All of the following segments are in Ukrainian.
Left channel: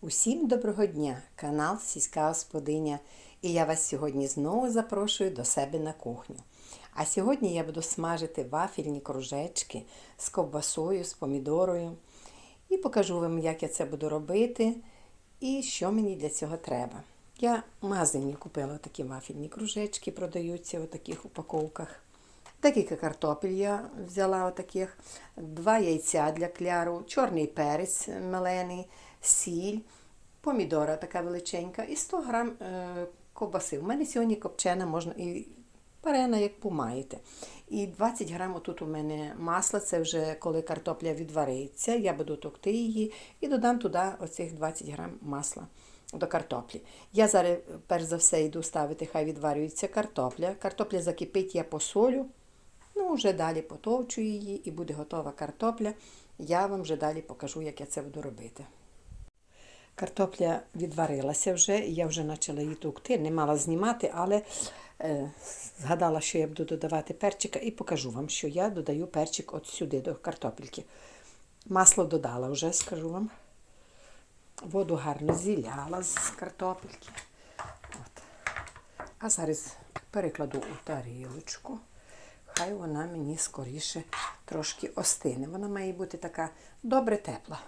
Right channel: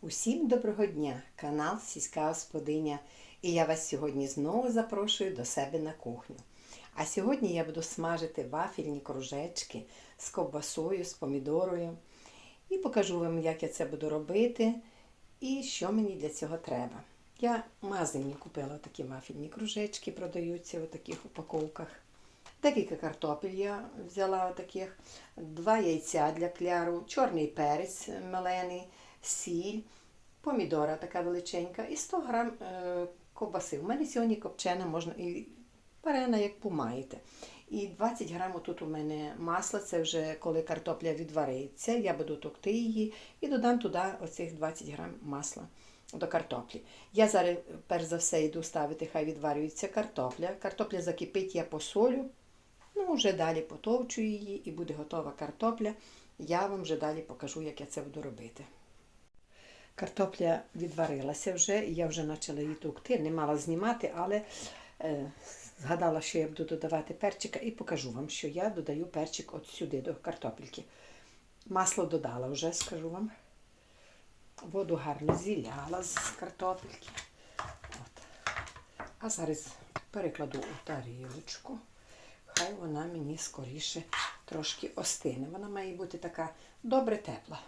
Усім доброго дня! Канал Сільська Господиня. І я вас сьогодні знову запрошую до себе на кухню. А сьогодні я буду смажити вафельні кружечки з ковбасою, з помідорою. І покажу вам, як я це буду робити і що мені для цього треба. Я в магазині купила такі вафельні кружечки, продаються у таких упаковках. Декілька картопель я взяла отаких, два яйця для кляру, чорний перець мелений, сіль, помідора така величенька і 100 грам е, ковбаси. У мене сьогодні копчена можна і варена, як помаєте. І 20 грам тут у мене масла, це вже коли картопля відвариться, я буду товкти її і додам туди оцих 20 грам масла до картоплі. Я зараз, перш за все, йду ставити, хай відварюється картопля. Картопля закипить, я посолю. Ну, вже далі потовчу її і буде готова картопля. Я вам вже далі покажу, як я це буду робити. Картопля відварилася вже, я вже почала її тукти, не мала знімати, але е, згадала, що я буду додавати перчика і покажу вам, що я додаю перчик от сюди до картопельки. Масло додала вже, скажу вам. Воду гарно зіляла з картопельки. От. А зараз перекладу у тарілочку. Хай вона мені скоріше трошки остине. Вона має бути така добре тепла.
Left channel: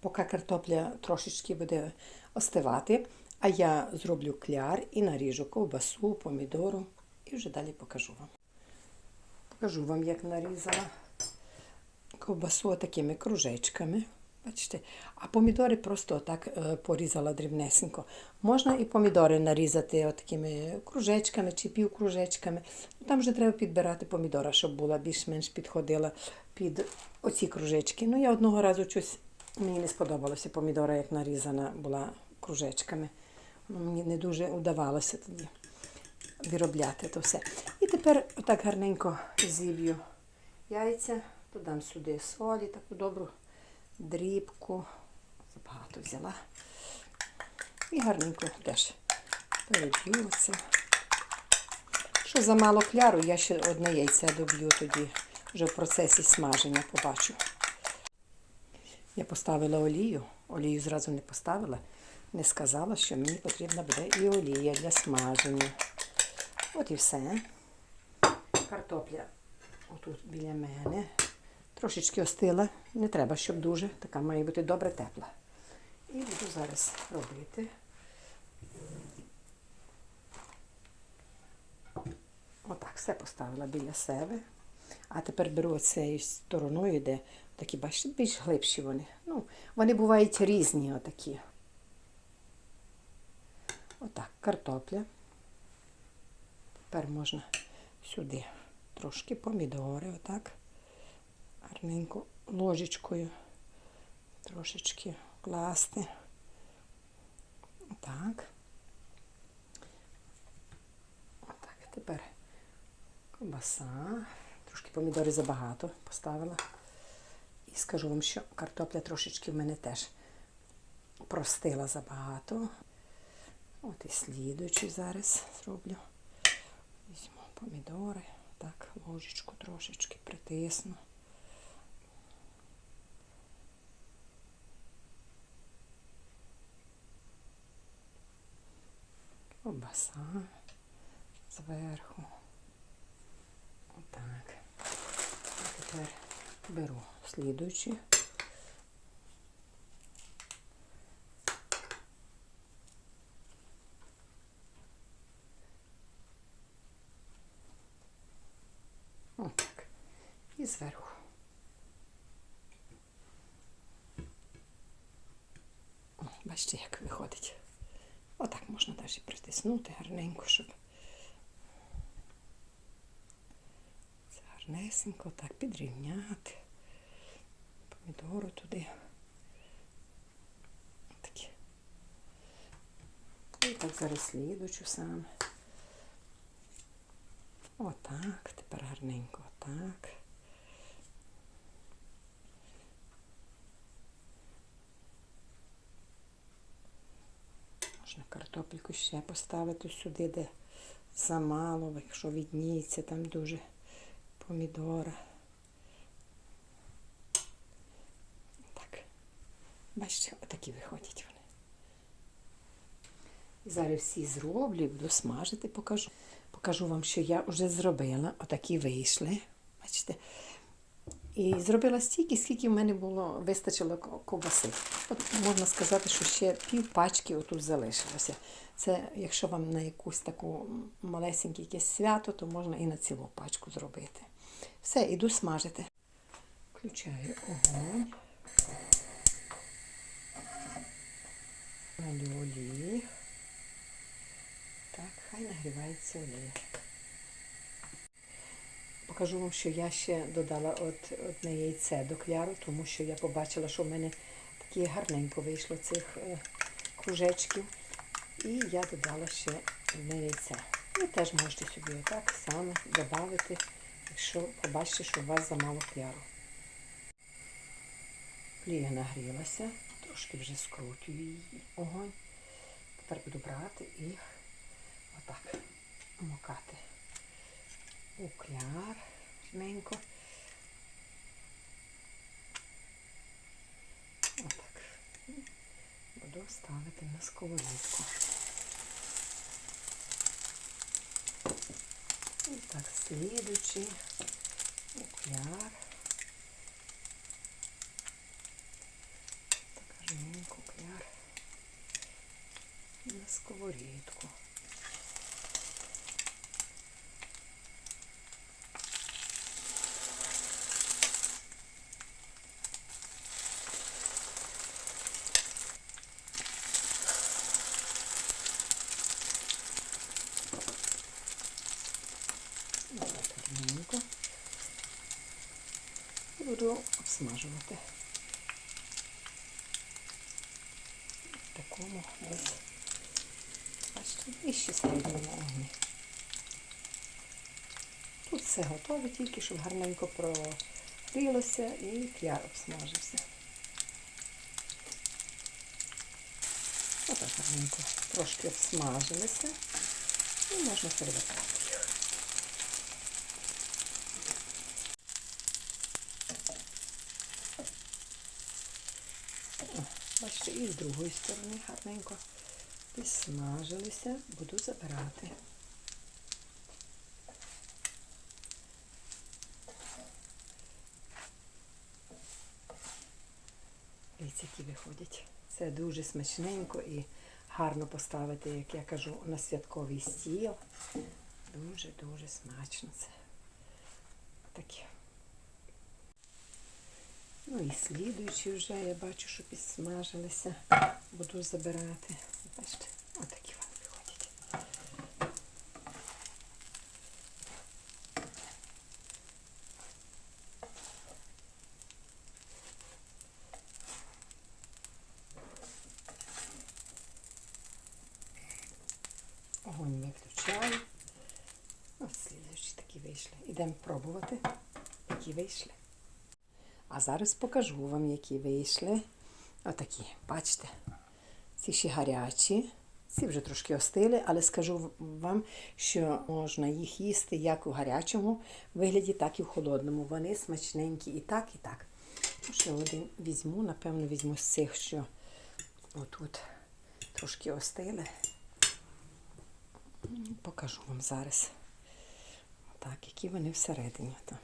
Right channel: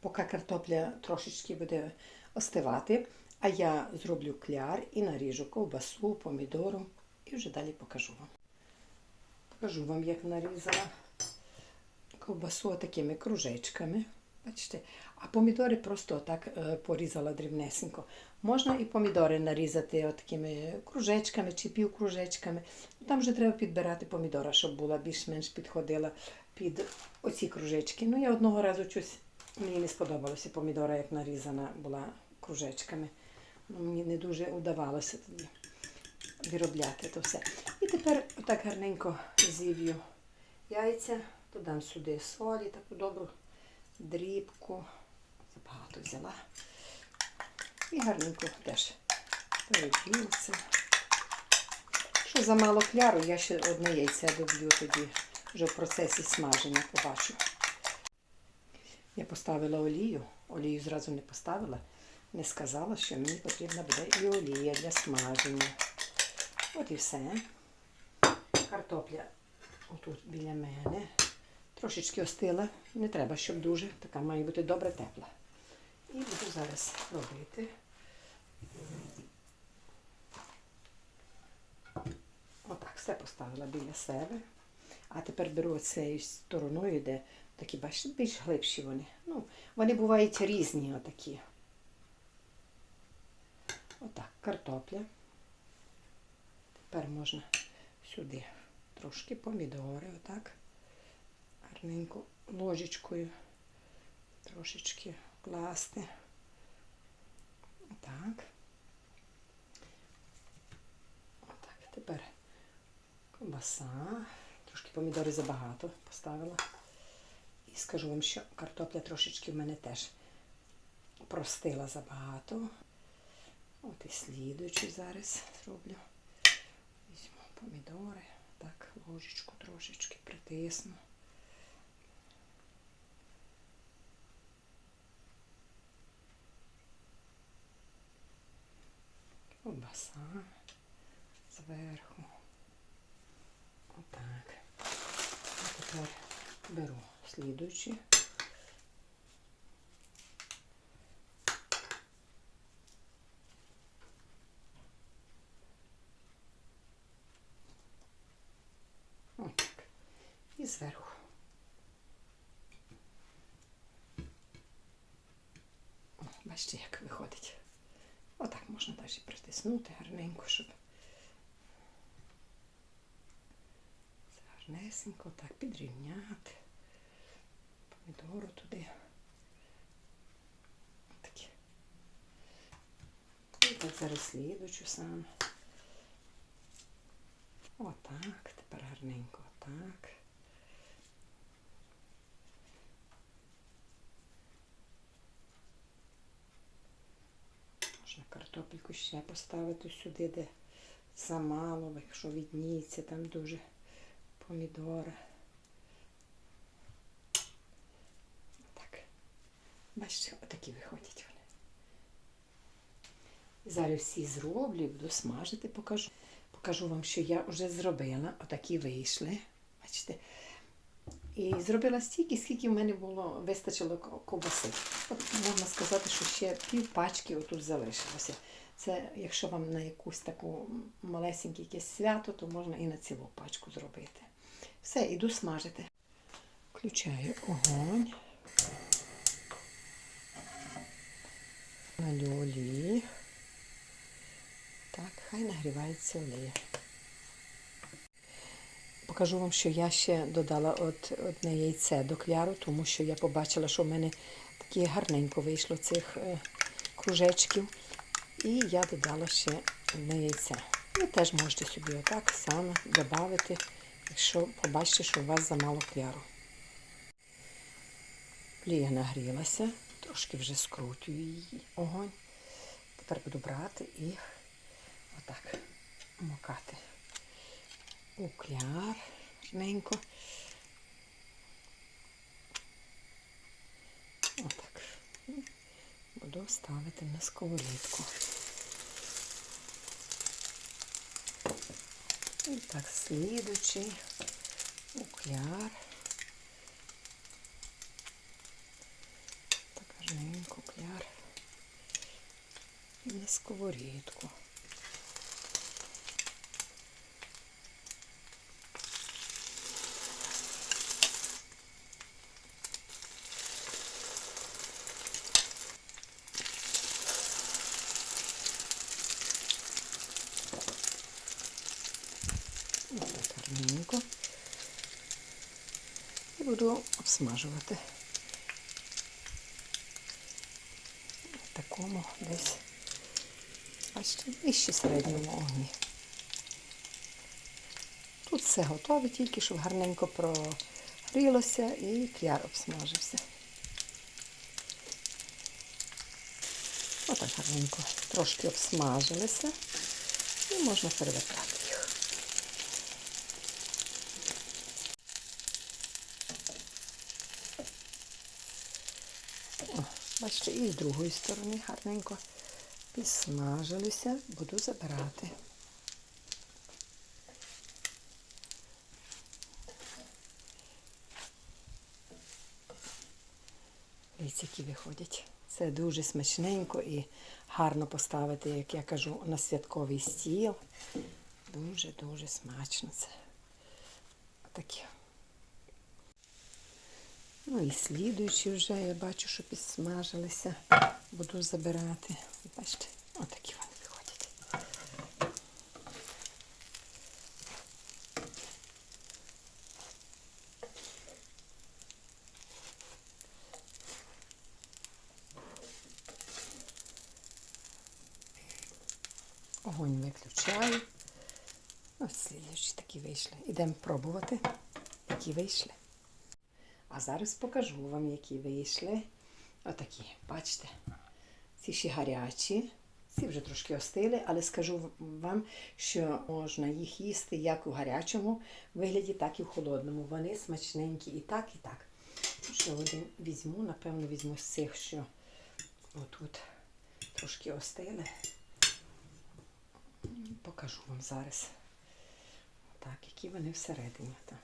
Поки картопля трошечки буде остивати, а я зроблю кляр і наріжу ковбасу, помідору і вже далі покажу вам. Покажу вам, як нарізала ковбасу такими кружечками. Бачите, а помідори просто отак е, порізала дрібнесенько. Можна і помідори нарізати такими кружечками чи півкружечками. Там вже треба підбирати помідора, щоб була більш-менш підходила під оці кружечки. Ну, я одного разу щось, мені не сподобалося помідора, як нарізана була кружечками. Мені не дуже вдавалося тоді виробляти то все. І тепер отак гарненько зіб'ю яйця, додам сюди солі, таку добру дрібку. Забагато взяла. І гарненько теж переб'юся. Що замало кляру, я ще одне яйце доб'ю тоді, вже в процесі смаження побачу. Я поставила олію, олію зразу не поставила, не сказала, що мені потрібна буде і олія для смаження. От і все. Картопля отут біля мене. Трошечки остила, не треба, щоб дуже, така має бути добре тепла. І буду зараз робити. Отак, все поставила біля себе. А тепер беру оцею стороною, де такі, бачите, більш глибші вони. Ну, вони бувають різні отакі. Отак, картопля. Тепер можна сюди трошки помідори, отак. Гарненько ложечкою трошечки класти. Отак. Отак. Тепер ковбаса. Трошки помідори забагато поставила. І скажу вам, що картопля трошечки в мене теж простила забагато. От і слідуючий зараз зроблю. Візьму помідори. Так, ложечку трошечки притисну. Ковбаса зверху. Отак. А тепер беру слідуючі. Отак. І зверху. О, бачите, як виходить. Отак можна навіть притиснути гарненько, щоб це гарнесенько так підрівняти. Помідору туди. Такі. І так зараз слідучу саме. Отак, тепер гарненько отак. Можна картопельку ще поставити сюди, де замало, якщо відніється, там дуже помідори. Бачите, отакі виходять вони. І зараз всі зроблю, буду смажити, покажу. Покажу вам, що я вже зробила. Отакі вийшли. Бачите? І зробила стільки, скільки в мене було, вистачило ко- ковбаси. От можна сказати, що ще пів пачки отут залишилося. Це якщо вам на якусь таку малесеньке якесь свято, то можна і на цілу пачку зробити. Все, іду смажити. Включаю огонь. Налю олії. Так, хай нагрівається олія. Покажу вам, що я ще додала от одне яйце до кляru, тому що я побачила, що в мене такі гарненько вийшло цих е, кружечків. І я додала ще одне яйце. Ви теж можете собі отак само додати, якщо побачите, що у вас замало кляру. Олія нагрілася, трошки вже скрутюю її огонь. Тепер буду брати і отак макати у кляр гарненько. Отак. Буду ставити на сковорідку. І так, слідучий у кляр. Так гарненько кляр на сковорідку. І буду обсмажувати. Такому десь, бачите, вище середньому огні. Тут все готове, тільки щоб гарненько прогрілося і кляр обсмажився. Отак гарненько трошки обсмажилися і можна перевертати бачите, і з другої сторони гарненько підсмажилися, буду забирати. Дивіться, які виходять. Це дуже смачненько і гарно поставити, як я кажу, на святковий стіл. Дуже-дуже смачно це. Такі. Ну і слідуючі вже я бачу, що підсмажилися. Буду забирати. Бачите, отакі вони виходять. Огонь виключаю. Ось слідуючі такі вийшли. Ідемо пробувати, які вийшли. А зараз покажу вам, які вийшли. Отакі, бачите. Ці ще гарячі, ці вже трошки остили, але скажу вам, що можна їх їсти як у гарячому вигляді, так і в холодному. Вони смачненькі і так, і так. Ще один візьму, напевно, візьму з цих, що отут трошки остили. Покажу вам зараз. Так, які вони всередині там.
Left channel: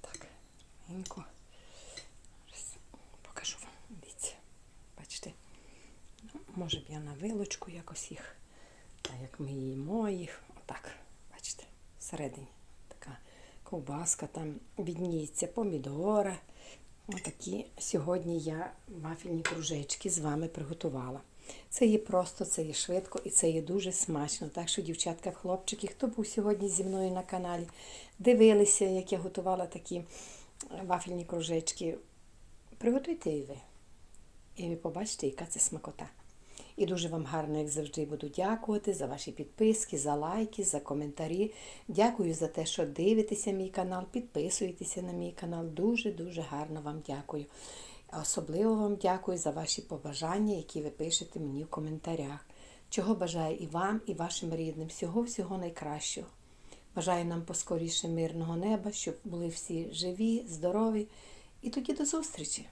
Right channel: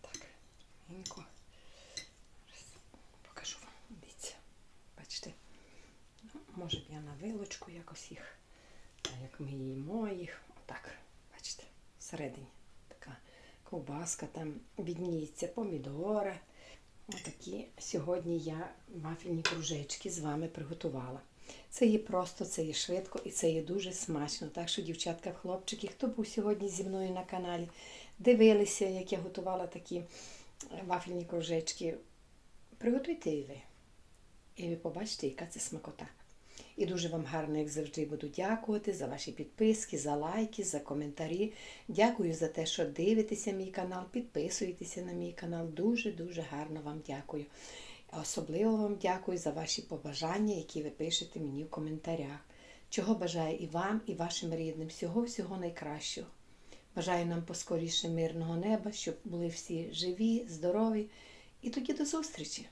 Так, Зараз покажу вам. Дивіться. Бачите? Ну, Може б я на вилочку якось їх, так як ми їмо їх. Отак, бачите, всередині така ковбаска, там відніється помідори. Отакі сьогодні я вафельні кружечки з вами приготувала. Це є просто, це є швидко і це є дуже смачно. Так що, дівчатка, хлопчики, хто був сьогодні зі мною на каналі, дивилися, як я готувала такі вафельні кружечки, приготуйте і ви. І ви побачите, яка це смакота. І дуже вам гарно, як завжди, буду дякувати за ваші підписки, за лайки, за коментарі. Дякую за те, що дивитеся мій канал, підписуєтеся на мій канал. Дуже-дуже гарно вам дякую. Особливо вам дякую за ваші побажання, які ви пишете мені в коментарях. Чого бажаю і вам, і вашим рідним. Всього-всього найкращого. Бажаю нам поскоріше мирного неба, щоб були всі живі, здорові. І тоді до зустрічі!